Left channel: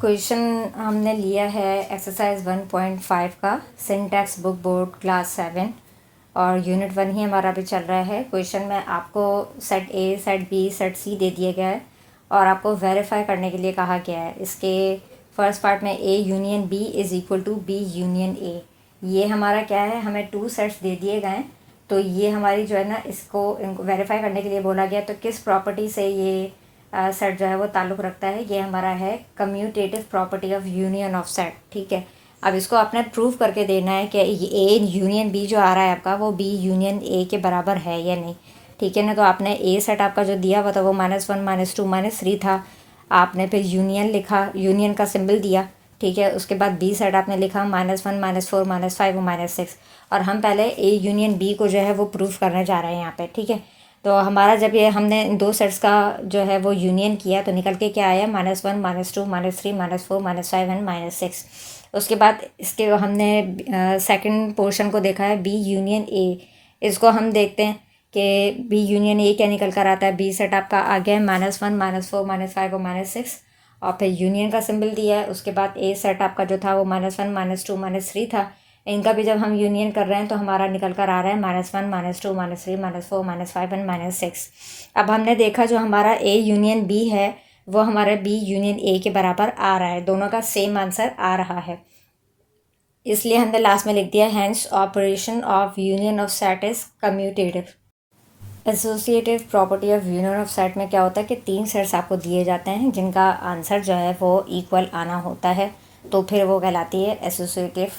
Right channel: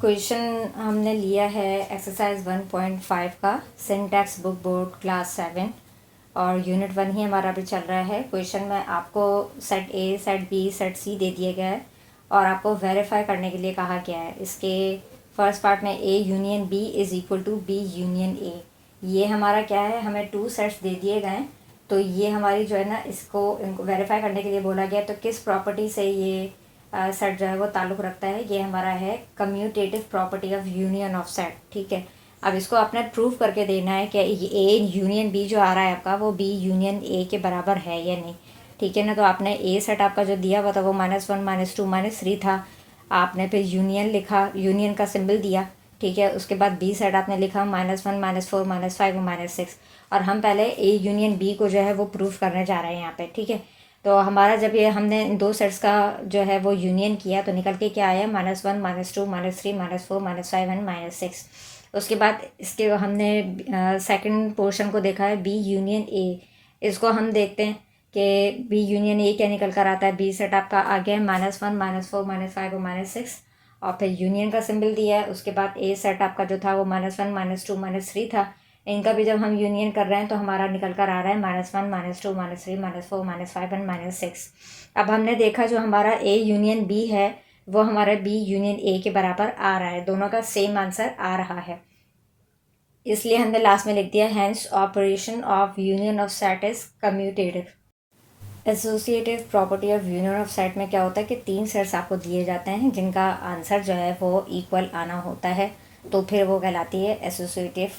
Question हमने लिया है एक्सरसाइज 1.5 का सिंटैक्स बुक बोर्ड क्लास 7 और यूनिट 1 ही हमारा अभी चल रहा है। क्वेश्चन में आपको set A, set B, set C दे दिया गया है और आपको वेरीफाई करने के लिए कहा गया है। इसके फर्स्ट पार्ट में A union B is equal to B union A. ये हमारा क्या है, हमें 2 सेट्स दे दिए गए हैं, तो ये हमारी जो है ना, इनको वेरीफाई करने के लिए बोला गया। तो किस प्रॉपर्टी से ये सेट जो है वो ताल्लुक़ रखता है, ये हमारा है commutative property of union of set. ठीक है, अब इसको आपने प्रूव करके देना है कि ए यूनियन बी जो आ रहा है आपका, वो बी यूनियन ए के बराबर है या नहीं। ठीक है ना, तो आपने ए सेट आपका जो दिया हुआ था वो -1 -2 -3 था। आपने फिर यूनियन लिखा, यूनियन का सिंबल दिया। ठीक है, उसके बाद बी सेट आपने लिखा -1 -4 -5 और -6। और हम पहले ए यूनियन बी को जो है वो प्रूव करने जा रहे हैं यहाँ पे। ठीक है, तो हमारा जब ये हमने इन 2 सेट्स का जो है वो यूनियन किया तो निकल के क्या आया, -1 -2 -3 -4 -5 एंड -6। उसके बाद इसके हमने सेकंड पोर्शन को देखा है बी यूनियन ए। इसको हम देखते हैं कि बी यूनियन ए क्या निकल कर आता है। बी सेट आपका आ गया है -1 -4 -5 और -6 और फिर यूनियन का सिंबल दिया है। उसके बाद ए सेट आपका जो था वो -1 -2 -3 था। इनका भी जब हम यूनियन कर रहे हैं तो हमारा निकल कर आ रहा है -1 -2 -3 -4 -5 एंड -6। अब हमने देखा जो हमारा ए यूनियन बी है वो हमारा बी यूनियन ए के बराबर आ रहा है, दोनों का सेम आंसर आ रहा है। इसलिए हमने लास्ट में लिख दिया hence operation of union of set is commutative. Associative property of union of set में क्या होता है कि 3 सेट्स आपको दिए जाते हैं जिनका आंसर जो है वो इक्वल आना होता है, तो फिर वो कहलाती है associative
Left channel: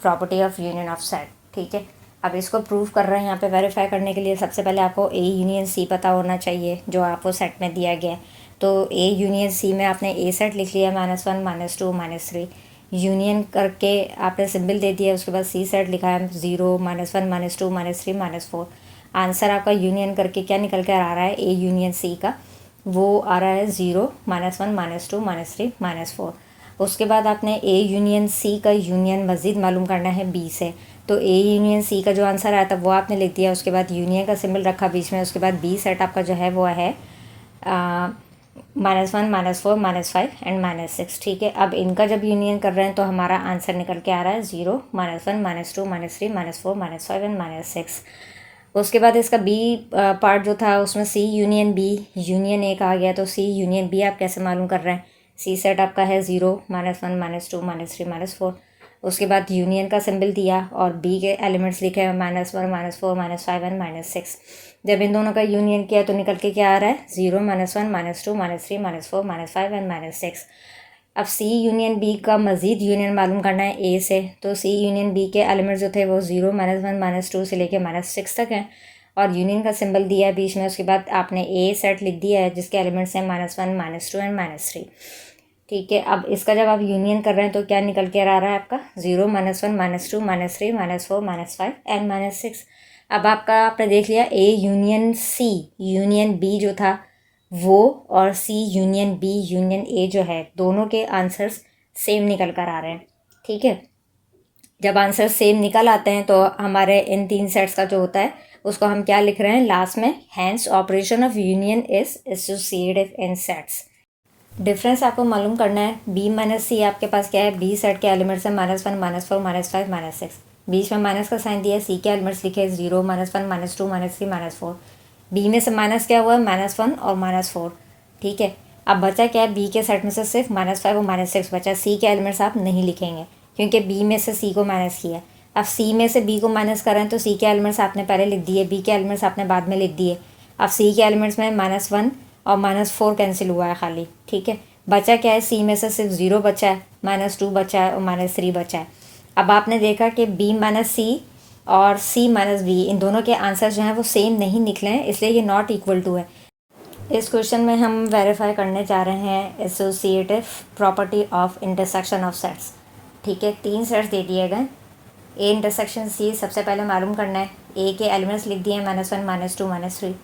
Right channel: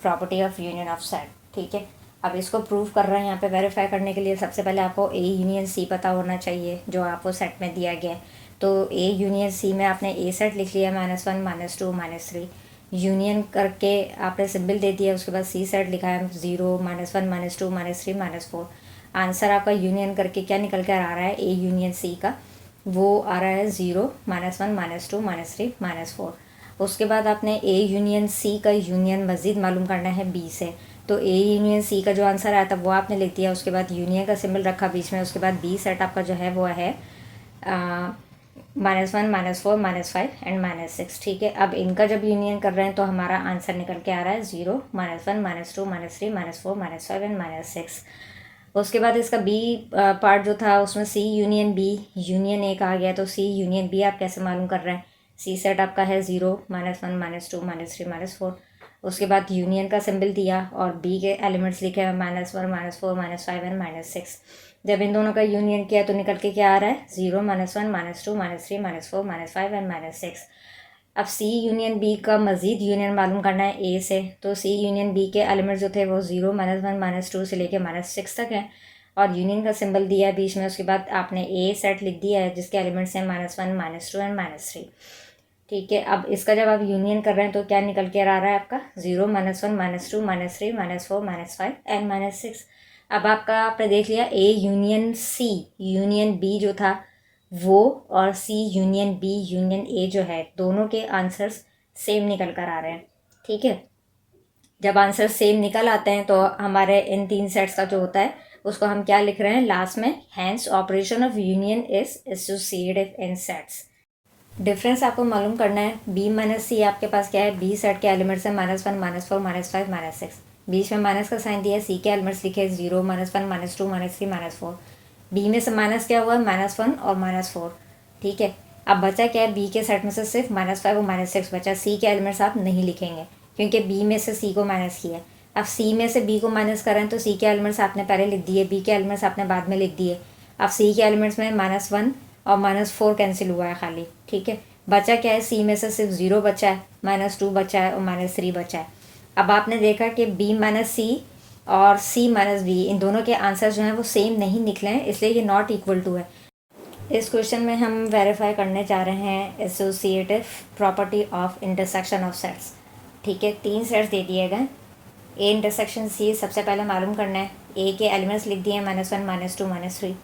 property of union of set. ठीक है, अब इसको प्रूव कर रहे हैं यहाँ पे वेरीफाई करने के लिए। सबसे पहले आपको ए यूनियन सी पता होना चाहिए जो आपको सेट में दिया गया है। तो ए यूनियन सी में आपने ए सेट लिख लिया -1 -2 -3, यूनियन करके आपने सिंबल दे दिया। उसके बाद सी सेट लिखा है 0 -1 -2 -3 -4। आंसर आपका यूनियन करके क्या निकल कर आ रहा है, ए यूनियन सी का वो आ रहा है 0 -1 -2 -3 -4। उसके बाद आपने ए यूनियन सी का यूनियन मज़ीद मालूम करना है बी से, तो ए यूनियन सी का जो आंसर आया था वो आपने लिख दिया। उसके बाद यूनियन का सिंबल रखा बीच में। उसके बाद बी सेट आपका जो है वो है -1 -4 -5 एंड -6। ठीक है, अब इनका जब यूनियन कर रहे हैं तो हमारा आंसर निकल के आ रहा है 0 -1 -2 -3 -4 -5 एंड -6। उसके बाद इसका बी पार्ट जो था उसमें सी यूनियन बी यूनियन ए कहा गया, तो सी यूनियन बी आप कैसे मालूम कर रहे हैं। सी सेट आपका है 0 -1 -2 -3 -4। उसके बाद यूनियन का सिंबल दिया और बी के एलिमेंट्स लिखे हैं -1 -4 -5 एंड -6। जब इन दोनों का यूनियन किया तो निकल के क्या आ रहा है 0 -1 -2 -3 -4 -5 एंड -6। अब सी यूनियन बी का मज़ीद यूनियन मालूम करना है ए से, तो सी यूनियन बी के एलिमेंट्स जो थे वो 0 -1 -2 से लेके -6 तक हैं और यूनियन का सिंबल दिया है बीच में। उसके बाद आपने ए सेट लिख दिया है जिसके एलिमेंट्स हैं -1 -2 एंड -3। ठीक है, अब इसका जब आप यूनियन कर रहे हैं तो क्या निकल के आ रहा है आपका 0 -1 -2 -3 -4 -5 एंड -6। अब आपका आपने देख लिया A union C union B जो था वो और C union B union A जो है दोनों के आंसर्स सेम निकल कर आ रहे हैं। ठीक है, जब आंसर सेम निकल आते हैं तो हमारे इन 3 सेट्स का जो होता है उसको हम क्या लिख रहे हैं लास्ट में, hence operation of union is associative in sets. Difference आपको मालूम करना है। बी माइनस सी आपके पास क्या है, बी सेट के एलिमेंट्स हैं -1 -4 -5 -6। बीच में माइनस का साइन दिया है। सी के एलिमेंट्स लिखे 0 -1 -2 -3 -4। बी में से माइनस क्या हुआ है, -1 और -4। ठीक है, अब बचा क्या है, बी के सेट में से सिर्फ -5 और -6 बचा। सी के एलिमेंट्स आप नहीं लिखेंगे क्योंकि बी में से सी को माइनस किया। अब सी में से बी को माइनस करें तो सी के एलिमेंट्स आपने पहले लिख दिए, बी के एलिमेंट्स आपने बाद में लिख दिए। अब सी के एलिमेंट्स में -1 और -4 कैंसिल हुआ है खाली। ठीक है, बचा क्या है, सी में से सिर्फ 0 बचा है, -2 बचा है और -3 बचा है। अब आपने देखा कि बी माइनस सी और सी माइनस बी इन दोनों के आंसर जो हैं वो सेम नहीं निकले हैं, इसलिए ये नॉट इक्वल टू है। इस क्वेश्चन में हम वेरीफाई करने जा रहे हैं associative property of intersection of sets. ठीक है, 3 सेट्स दे दिए गए। ए इंटरसेक्शन सी सबसे पहले मालूम करना है। ए के एलिमेंट्स लिख दिए हैं -1 -2 -3।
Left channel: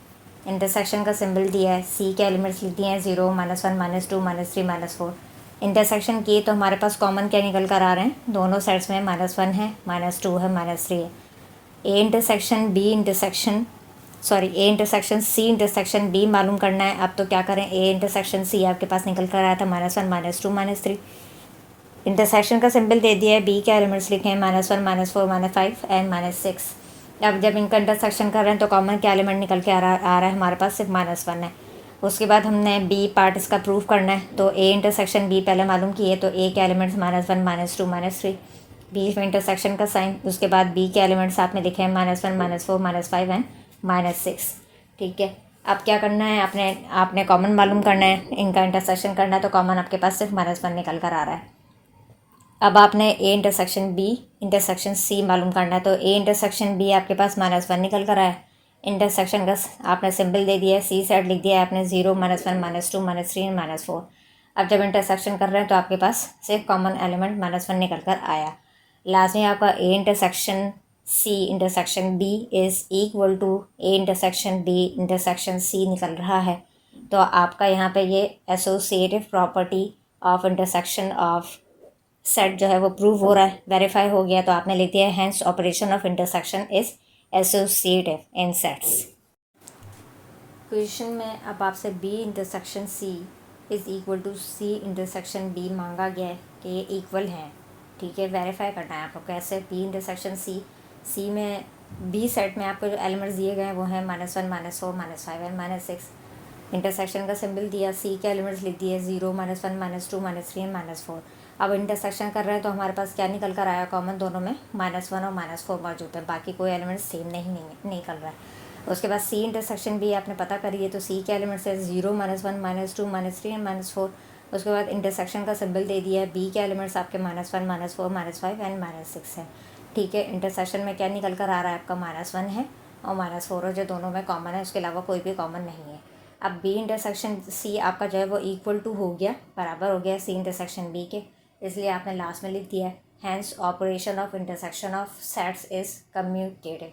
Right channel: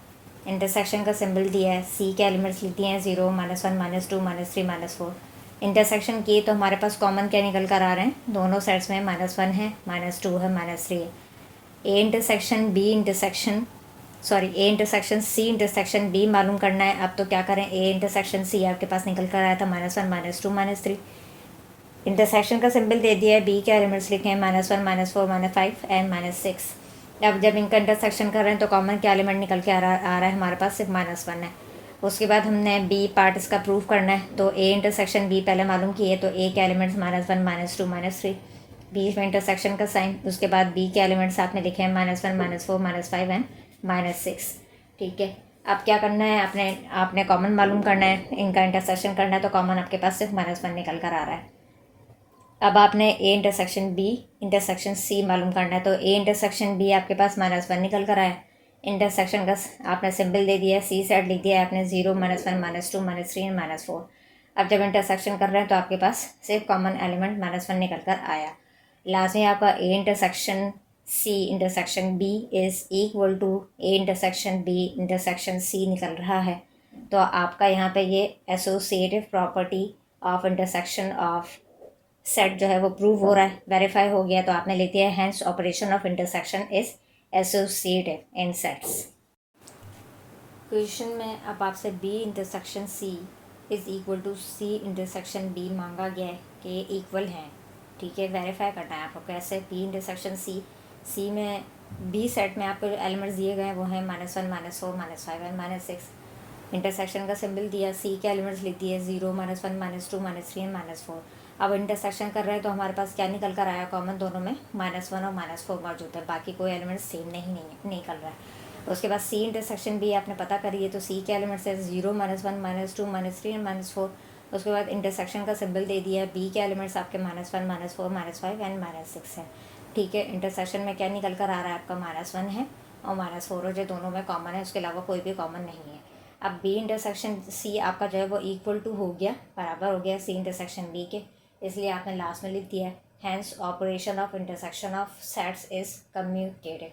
इंटरसेक्शन का सिंबल दिया है। सी के एलिमेंट्स लिख दिए हैं 0 -1 -2 -3 -4। इंटरसेक्शन किए तो हमारे पास कॉमन क्या निकल कर आ रहे हैं, दोनों साइड्स में -1 है, -2 है, -3 है। A intersection B intersection sorry A intersection C intersection B मालूम करना है। अब तो क्या करें, ए इंटरसेक्शन सी आपके पास निकल कर आया था -1 -2 -3। इंटरसेक्शन का सिंबल दे दिया है, बी के एलिमेंट्स लिखे हैं -1 -4 -5 एंड -6। अब जब इनका इंटरसेक्शन कर रहे हैं तो कॉमन क्या एलिमेंट निकल के आ रहा है हमारे पास, सिर्फ -1 है। उसके बाद हमने बी पार्ट इसका प्रूव करना है, तो ए इंटरसेक्शन बी पहले मालूम किए, तो ए के एलिमेंट्स -1 -2 -3, बीच में इंटरसेक्शन का साइन। उसके बाद बी के एलिमेंट्स आपने लिखे हैं -1 -4 -5 एंड -6। ठीक है, अब क्या करना है, आपने आपने कॉमन मालूम करना है, इनका इंटरसेक्शन करना है, तो कॉमन आपके पास सिर्फ -1 निकल कर आ रहा है। अब आपने A intersection B intersection C मालूम करना है, तो ए इंटरसेक्शन बी आपके पास -1 निकल कर आया। इंटरसेक्शन का आपने सिंबल दे दिया है, सी साइड लिख दिया है आपने 0 -1 -2 -3 -4। अब जब इंटरसेक्शन कर रहे हैं तो आपके पास सिर्फ कॉमन एलिमेंट -1 निकल कर आया। लास्ट में आपका A intersection C intersection B is equal to A intersection B intersection C निकल रहा है। तो आपका यहाँ पे ये associative property of intersection of set जो है वो प्रूव हो रहा है, वेरीफाई हो गया। तो आपने लेती है hence operation of intersection is associative in sets. Question में अब आपसे B intersection C is equal to C intersection B मांगा गया है कि ये इक्वल हैं। ठीक है, वेरीफाई करना है आपको कैसे, बी इंटरसेक्शन सी में बी सेट में आपको जो एलिमेंट्स दिए गए हैं वो हैं -1 -4 -5 एंड -6। इंटरसेक्शन का सिंबल दिया, सी के एलिमेंट्स लिख दिए 0 -1 -2 -3 एंड -4। अब इंटरसेक्शन कर रहे हैं तो हमारे पास क्या निकल कर आया, कॉमन दोनों में -1 और -4 मौजूद है, बाकी कोई एलिमेंट सेम नहीं निकल रहा है। उसके बाद सी इंटरसेक्शन भी आपने पता करिए, तो सी के एलिमेंट्स है 0 -1 -2 -3 एंड -4। उसके बाद इंटरसेक्शन का सिंबल दे दिया है, बी के एलिमेंट्स आपके -1 -4 -5 एंड -6 है। ठीक है, इंटरसेक्शन में क्या निकल कर आ रहा है आपका -1 है और -4 है, जो दोनों में कॉमन है, उसके अलावा कोई भी कॉमन नहीं है। अब बी इंटरसेक्शन सी आपका जो है वो इक्वल टू हो गया, बराबर हो गया सी इंटरसेक्शन बी के, इसलिए आपने लास्ट में लिख दिया है hence operation of intersection of sets is commutative.